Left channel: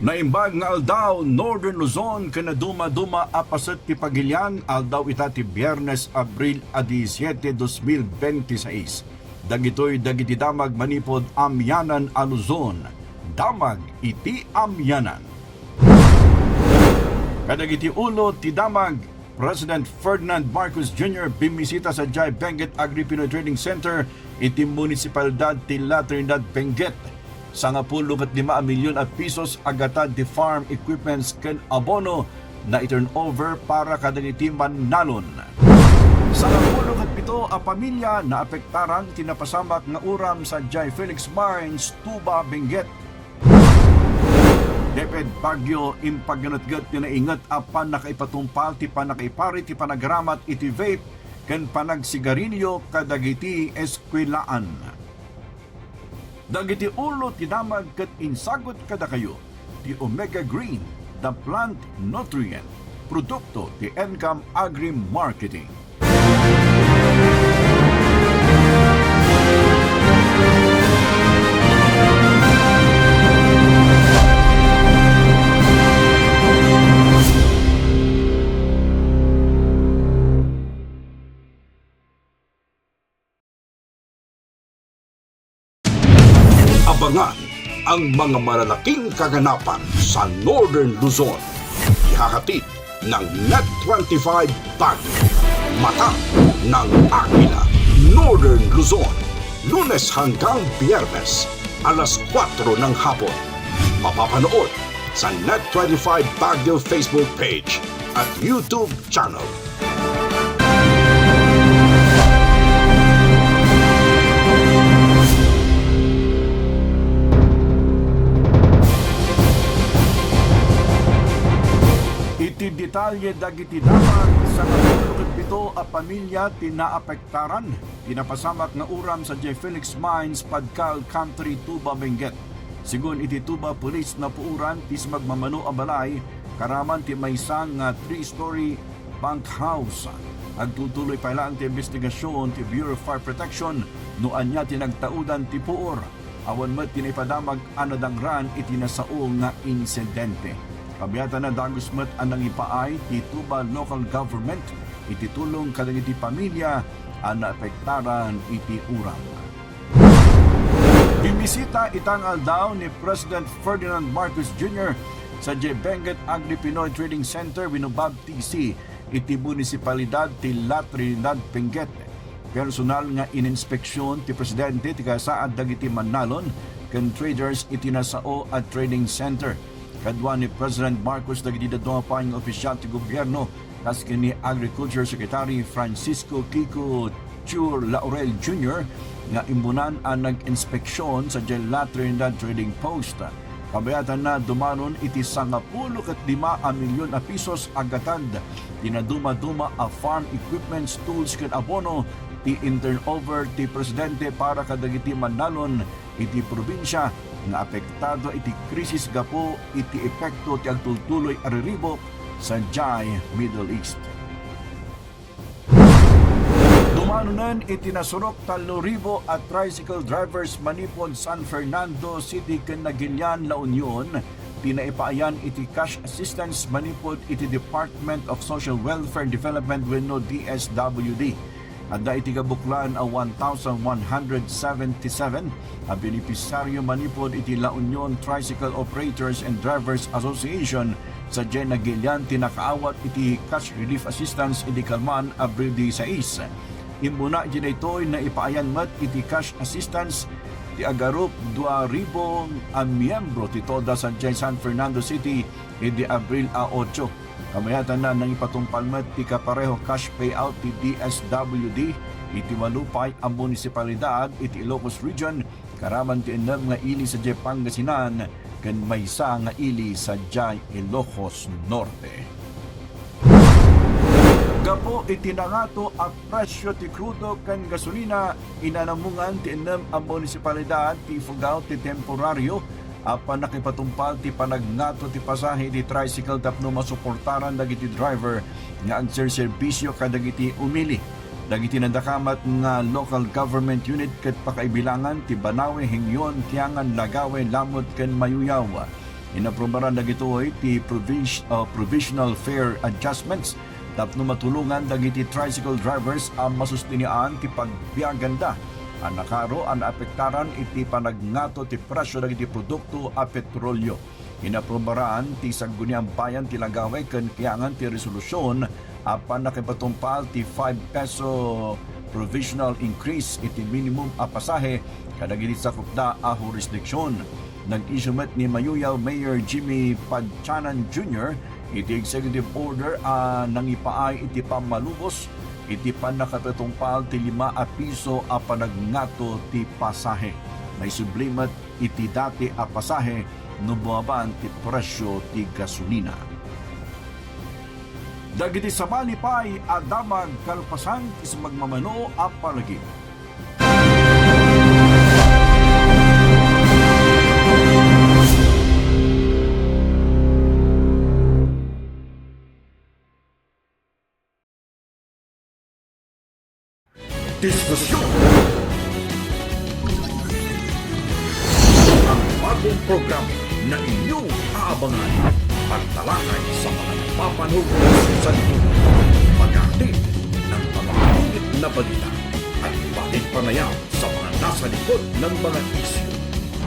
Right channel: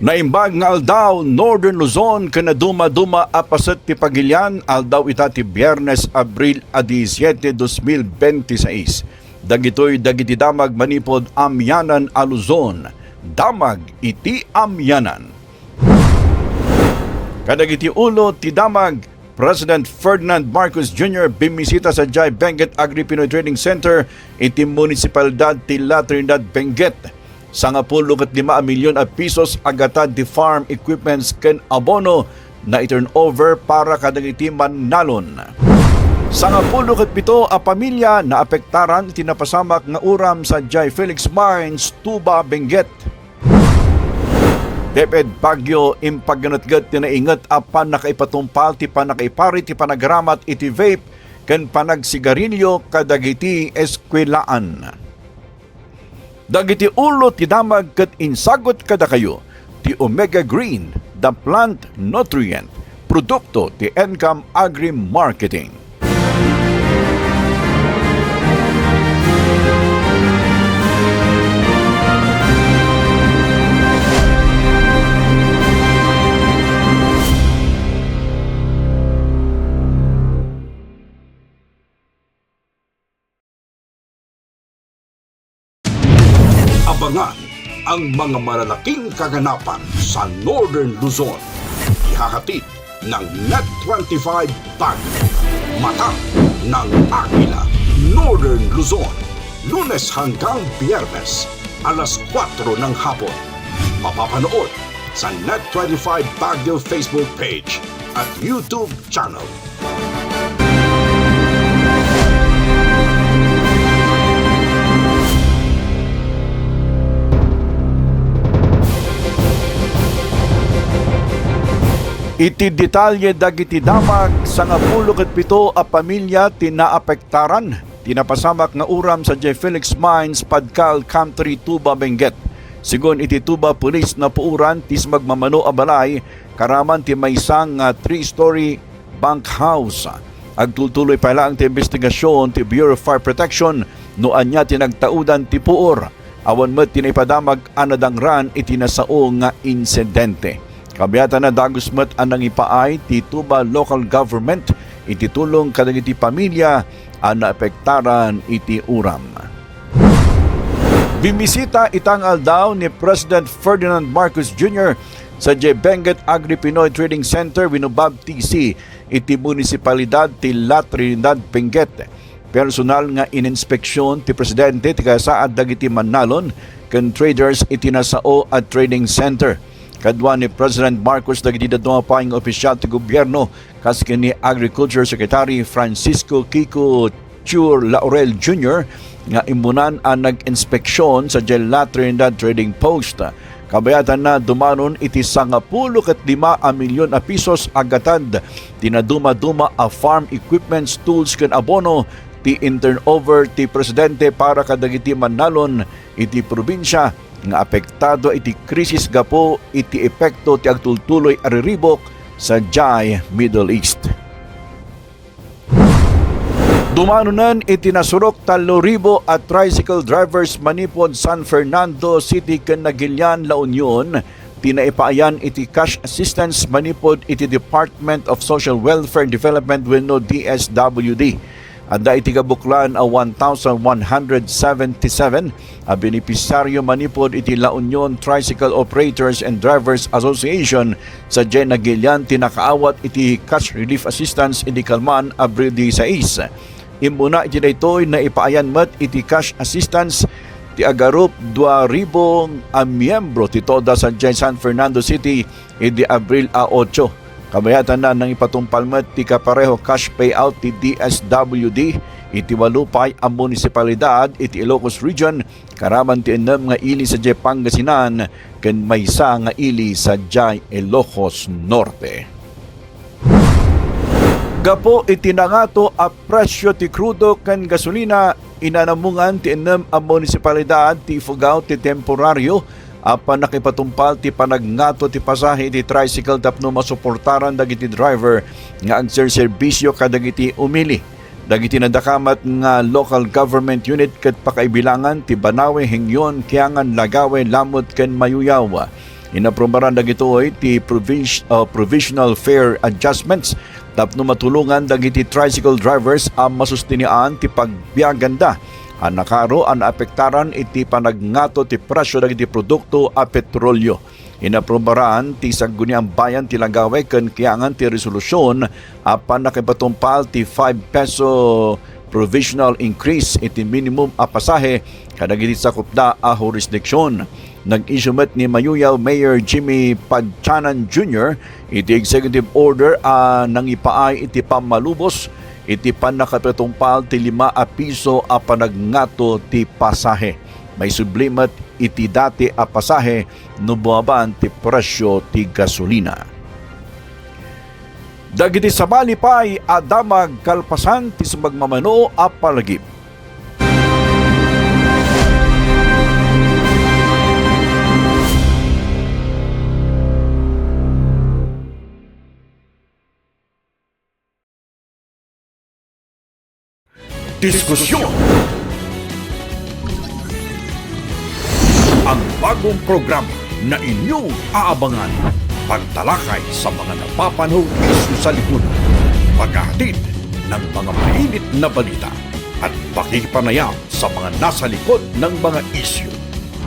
Naimbag nga aldaw Northern Luzon kana duma-duma apasat ti Pagilian aldaw itati Biyernes Abril 17, 2026. Dagiti damag manipod amyanan a Luzon. Damag iti amyanan. Kadagiti ulo ti damag President Ferdinand Marcos Jr. bimisita sa Jai Benguet Agri-Pinoy Trading Center iti munisipalidad ti La Trinidad Benguet. Sa 15 milyon a pesos agatad di farm equipments ken abono na i-turn over para kadagiti manalon. Sa 17 a pamilya na apektaran tinapasamak nga uram sa Jai Felix Mines, Tuba, Benguet. Deped Baguio impagganatgat ti naingat apan nakaipatumpal ti panakaipari ti panagramat iti vape ken panagsigarilyo kadagiti eskwelaan. Dagiti ulo ti damag ket insagot kada kayo ti Omega Green, the plant nutrient, produkto ti Encam Agri Marketing. Abangan ang mga malalaking kaganapan sa Northern Luzon. Ihahatid ng Net25 Baguio. Mata ng Agila. Northern Luzon. Lunes hanggang Biyernes, alas 4 ng hapon. Mapapanood sa Net25 Baguio Facebook page at YouTube channel. Iti detalye dagiti damag sa 17 a pamilya tinaapektaran tinapasamak nga uram sa J. Felix Mines, Padcal Country, Tuba, Benguet. Sigon iti Tuba Police na puuran tis magmamano a balay karaman ti maysang 3-story bunk house. Agtultuloy pa lang ti investigasyon ti Bureau of Fire Protection no anya tinagtaudan ti puor. Awan met tinaipadamag anadangran iti nasao nga insidente. Kabiyatan na dagos met anang ipaay ti Tuba Local Government iti tulong kadagiti pamilya ang naapektaran iti uram. Bimisita itang aldaw ni President Ferdinand Marcos Jr. sa Jai Benguet Agri-Pinoy Trading Center winubabtisi iti munisipalidad ti La Trinidad Benguet. Personal nga ininspeksyon ti Presidente ti kasaad dagiti manalon ken traders iti nasao at trading center. Kadwa ni President Marcos dagiti daduma paing opisyal ti gobyerno kasken ni Agriculture Secretary Francisco Kiko Chur Laurel Jr. nga imunan ang nag-inspeksyon sa La Trinidad Trading Post. Kabayatan na dumanon iti 15 milyon a pesos agatad tinaduma-duma a farm equipments, tools ken abono ti in-turnover ti Presidente para kadagiti manalon iti probinsya nga apektado iti krisis gapo iti epekto ti agtultuloy ariribok sa Jai, Middle East. Dumanunan iti nasurok 3,000 at tricycle drivers manipod San Fernando City ken Nagilian, La Union. Tinaipaayan iti cash assistance manipod iti Department of Social Welfare and Development wenno DSWD. Adda iti kabuklan a 1,177 a benepisaryo manipod iti La Union Tricycle Operators and Drivers Association sa Jai Nagilian tinakaawat iti cash relief assistance iti Kalman Abril 16. Imuna iti daytoy na ipaayan met iti cash assistance ti agarup 2,000 a miyembro ti toda sa Jai San Fernando City iti Abril 8. Kabayatan na nang ipatumpalmet ti kapareho cash payout ti DSWD iti walupay ang munisipalidad iti Ilocos Region karaman ti enam nga ili sa Jai Pangasinan ken maysa nga ili sa Jai Ilocos Norte. Gapo iti nangato a presyo ti krudo ken gasolina inanamungan ti enam ang munisipalidad ti Ifugao ti temporaryo apan nakipatumpal ti panagnato ti pasahe ti tricycle tapno masuportaran dagiti driver nga agserserbisyo kadagiti umili. Dagiti nadakamat nga local government unit ket pakaibilangan ti Banawe, Hingyon, Kiangan, Lagawe, Lamot ken Mayuyaw. Inaprubaran dagitoy ti provisional fare adjustments tapno matulungan dagiti tricycle drivers ang masustinian ti pagbiaganda. Ang nakaro ang apektaran iti panagnato ti presyo dagiti produkto a petrolyo. Inaprubaran ti Sangguniang Bayan ti Langgaway ken kiyangan ti resolusyon apan nakipatumpal ti 5 peso provisional increase iti minimum a pasahe kadagiti sakop da a jurisdiksyon. Nag-issue ni Mayuyaw Mayor Jimmy Padchanan Jr. iti executive order nang ipaay iti pamalubos iti panakapitumpal ti 5 piso a panagnato ti pasahe. May sublimat iti dati a pasahe no buwaban ti presyo ti gasolina. Dagiti sabali pay adamag kalpasan ti sumagmamano a palagip. Diskusyon. Ang bagong programa na inyong aabangan. Pagtalakay sa mga napapanahon sa lipunan. Pagkatid ng mga mainit na balita at pakipanayam sa mga nasa likod ng mga isyu.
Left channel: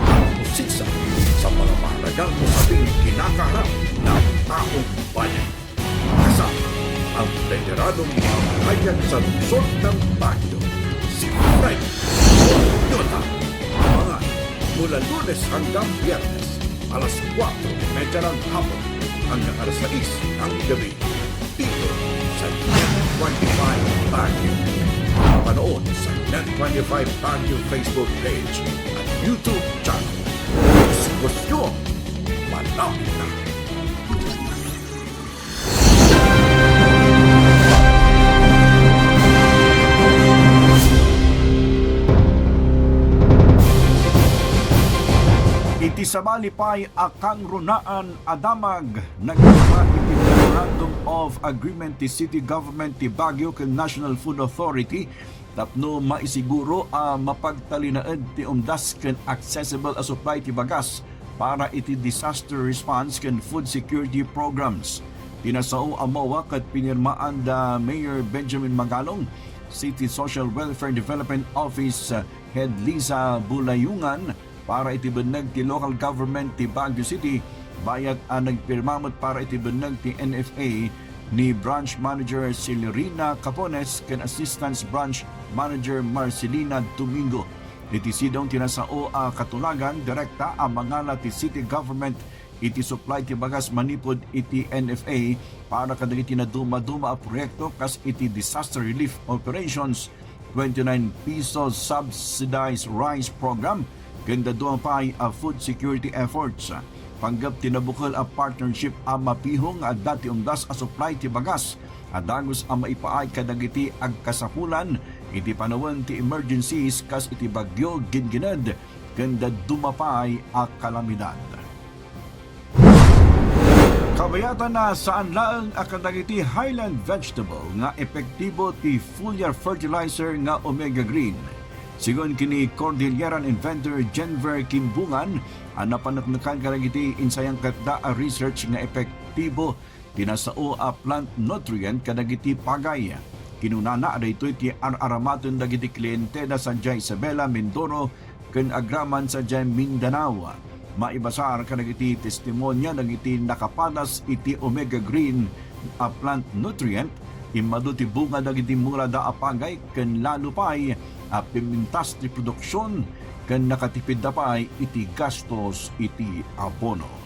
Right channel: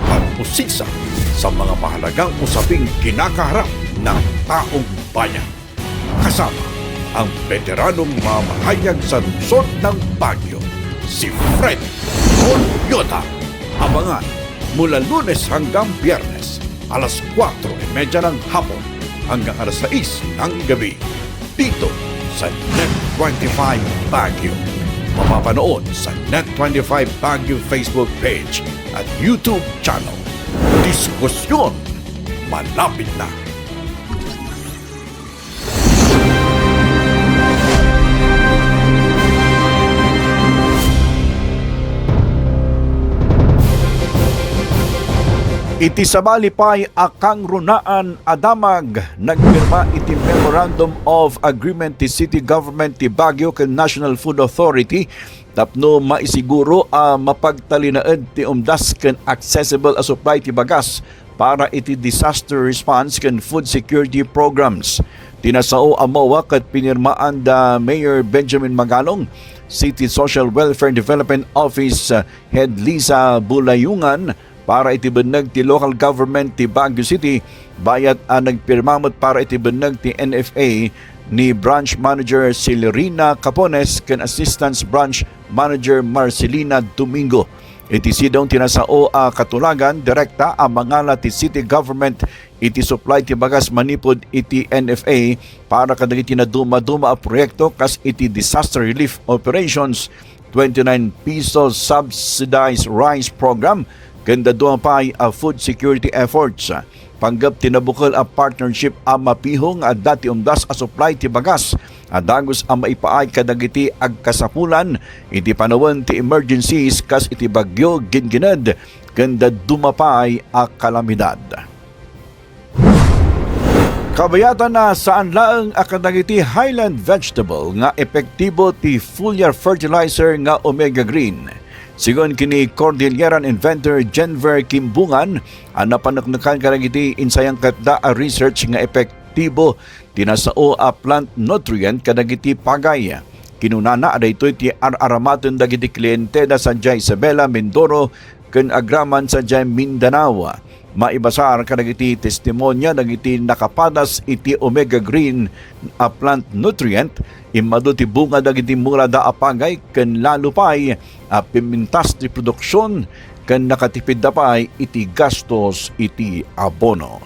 At pusisa sa mga mahalagang usaping kinakaharap ng taong bayan. Kasama ang veteranong mamahayag sa lungsod ng Baguio, si Fred Yota. Abangan mula Lunes hanggang Biyernes, alas 4:30 ng hapon hanggang alas 6 ng gabi, dito sa Net25 Baguio. Mapanood sa Net25 Baguio Facebook page at YouTube channel. Diskusyon malapit na. Iti sabali pay akang runaan adamag nagpirma iti Memorandum of Agreement ti City Government ti Baguio ken National Food Authority tapno maisiguro mapagtalinaed ti umdas ken accessible a supply ti bagas para iti disaster response ken food security programs. Tinasao amawa ket pinirmaan da Mayor Benjamin Magalong, City Social Welfare and Development Office Head Lisa Bulayungan para itibenag ti local government ti Baguio City bayat nagpirmamot para itibenag ti NFA ni Branch Manager Celerina Capones ken Assistant Branch Manager Marcelina Domingo. Iti sidong tinasao katulagan direkta ang mangala ti city government iti supply ti bagas manipod iti NFA para kadagiti na duma-duma a proyekto kas iti disaster relief operations, 29 pesos subsidized rice program, ganda doon pa a food security efforts. Panggap tinabukol a partnership a mapihong at dati umdas a supply ti bagas. Adagos a maipaay kadagiti agkasapulan iti panawan ti emergencies kas iti bagyo ginginad ganda dumapay a kalamidad. Kabayatan na saan laeng akadagiti highland vegetable nga epektibo ti foliar fertilizer nga Omega Green. Sigon kini Cordilleran inventor Jenver Kimbungan, ang napanaknakan kadagiti insayang katda a research nga epektibo tinasao a plant nutrient kadagiti pagay. Kinunana adaytoy ti araramaton dagiti kliyente da sa Isabela, Mindoro ken agraman sa Mindanao. Maibasar kadagiti testimonya dagiti nakapadas iti Omega Green a plant nutrient imado ti bunga dagiti mura da apagay ken lalo pay pimintas ti produksyon ken nakatipid da pay iti gastos iti abono.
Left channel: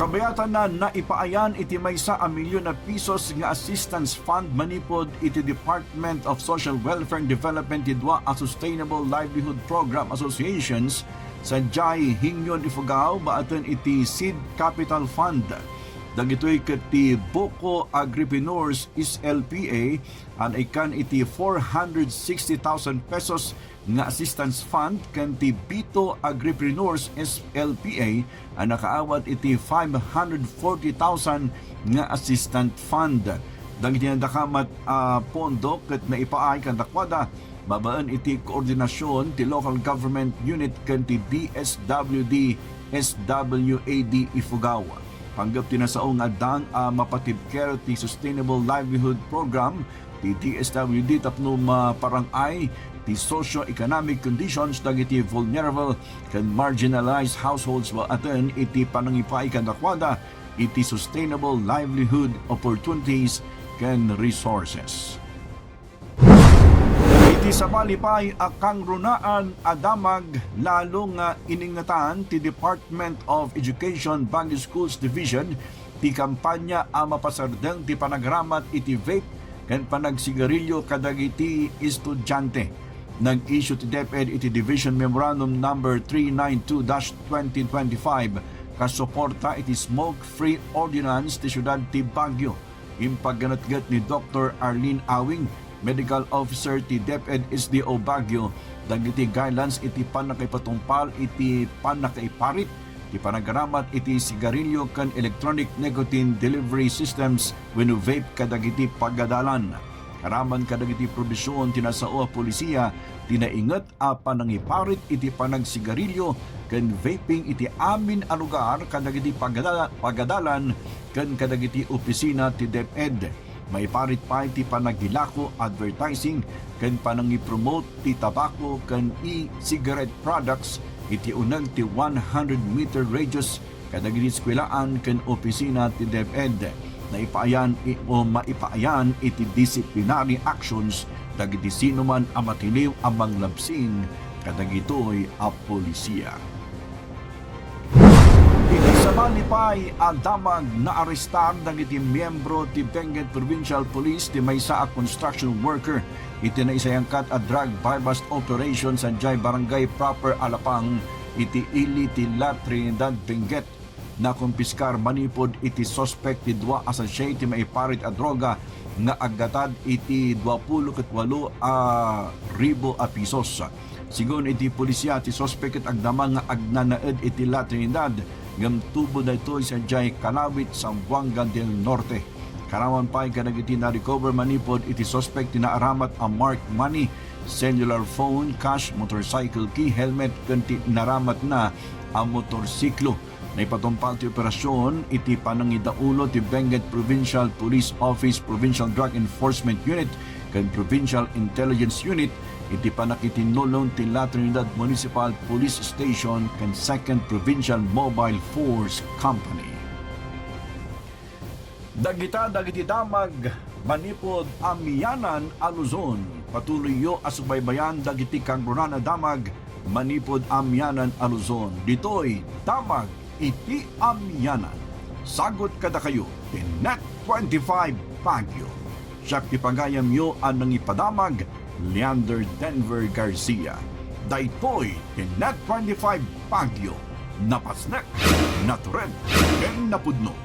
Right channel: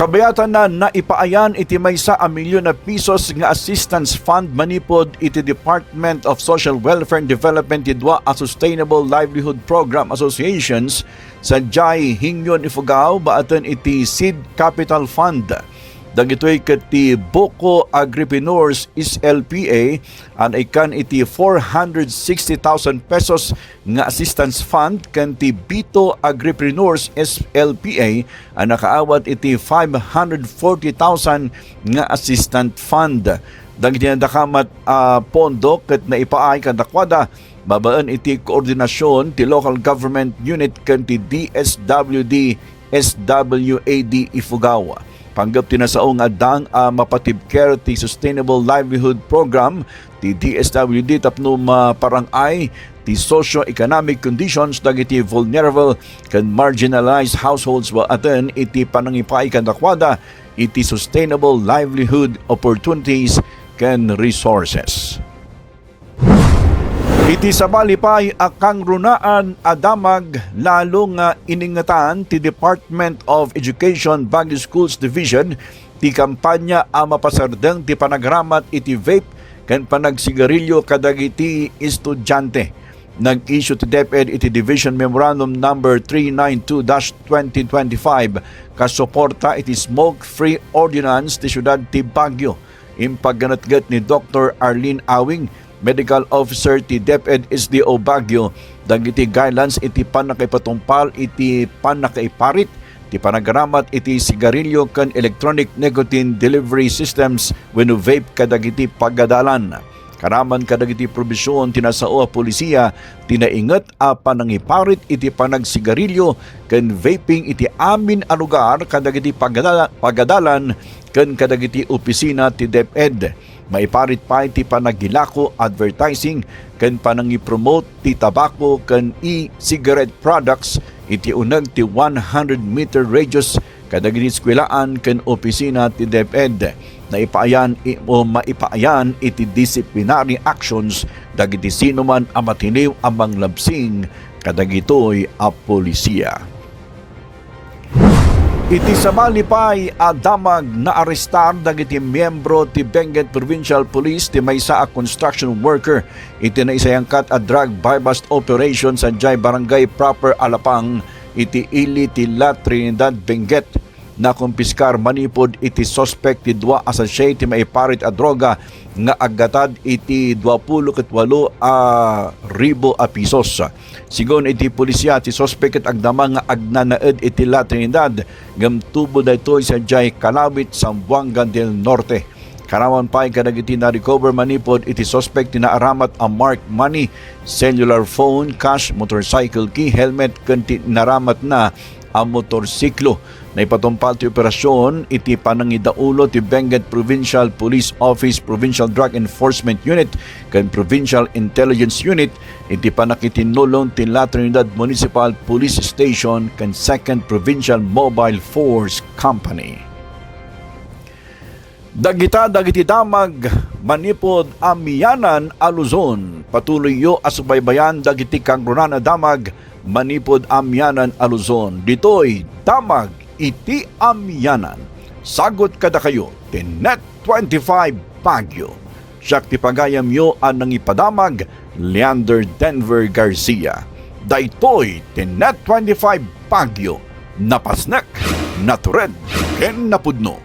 Kabayatan na naipaayan iti maysa a milyon na pisos nga assistance fund manipod iti Department of Social Welfare and Development ti dua a Sustainable Livelihood Program Associations sa Jai Hingyon Ifugao baatan iti Seed Capital Fund. Dagitoy ket ti Boko Agripreneurs SLPA an ikan iti 460,000 pesos nga assistance fund ken ti Bito Agripreneurs SLPA an nakaawat iti 540,000 nga assistant fund. Dagiti ndakamat pondo ket naipaay kadakwada babaan iti koordinasyon ti local government unit ken ti DSWD SWAD Ifugao. Panggap tinasaong nga dang mapatib care ti Sustainable Livelihood Program ti DSWD tapno maparangay ti socio-economic conditions dagiti vulnerable kan marginalized households wa aten iti panangipay kan dakwada iti sustainable livelihood opportunities kan resources. Iti sabalipay akang runaan adamag lalo nga iningatan ti Department of Education Baguio Schools Division ti kampanya a mapasardeng ti panagramat iti vape ken panagsigarilyo kadagiti estudyante. Nag-issue ti DepEd iti Division Memorandum number 392-2025 kasuporta iti smoke-free ordinance ti syudad ti Baguio. Impagganatgat ni Dr. Arlene Awing, Medical Officer ti DepEd SDO Baguio, dagiti guidelines iti panakaipatumpal iti panakaiparit ti panagaramat iti sigarilyo ken electronic nicotine delivery systems wenno vape kadagiti pagadalan. Karaman kadagiti probisyon tinasao a polisiya tinainget a panangiparit iti panagsigarilyo ken vaping iti amin a lugar kadagiti pagadalan ken kadagiti opisina ti DepEd. Maiparit pa iti panagilako advertising ken panangipromote ti tabako ken e-cigarette products iti uneg ti 100-meter radius kadagiti eskwelahan ken opisina ti DepEd. Naipaayan o maipaayan iti disciplinary actions dagiti sino man ang matiliw ang manglabsing kadagitoy a polisiya. Iti samalipay adamag na arestar dagiti miyembro ti Benguet Provincial Police ti maysa a construction worker iti naisayangkat a drug buy-bust operation sa Jai Barangay Proper Alapang iti ili ti La Trinidad Benguet. Na kumpiskar manipod iti suspect ti dua associate ti maiparit a droga nga aggatad iti 28,000 a pisos. Sigon iti pulisya ti suspect ket agdama nga agnanaed iti La Trinidad ngem tubo daytoy sa Jai Calawit, Zamboanga del Norte. Karawan pa kadagiti na recover manipod iti suspect ti naaramat a marked money, cellular phone, cash, motorcycle key, helmet ken naramat na a motorsiklo. Naipatumpal ti operasyon iti panangidaulo ti Benguet Provincial Police Office, Provincial Drug Enforcement Unit ken Provincial Intelligence Unit iti panakitinulong ti La Trinidad Municipal Police Station ken 2nd Provincial Mobile Force Company. Dagiti damag manipod amiyanan a Luzon. Patuloy yo asubaybayan dagiti kangrunan a damag manipod amiyanan a Luzon. Ditoy damag iti amiyanan. Sagot kada kayo ti Net 25 Baguio. Siya ti pagayam yo ang nangipadamag Leander Denver Garcia. Daytoy ti Net 25 Baguio. Napasnek, natured, ken napudno.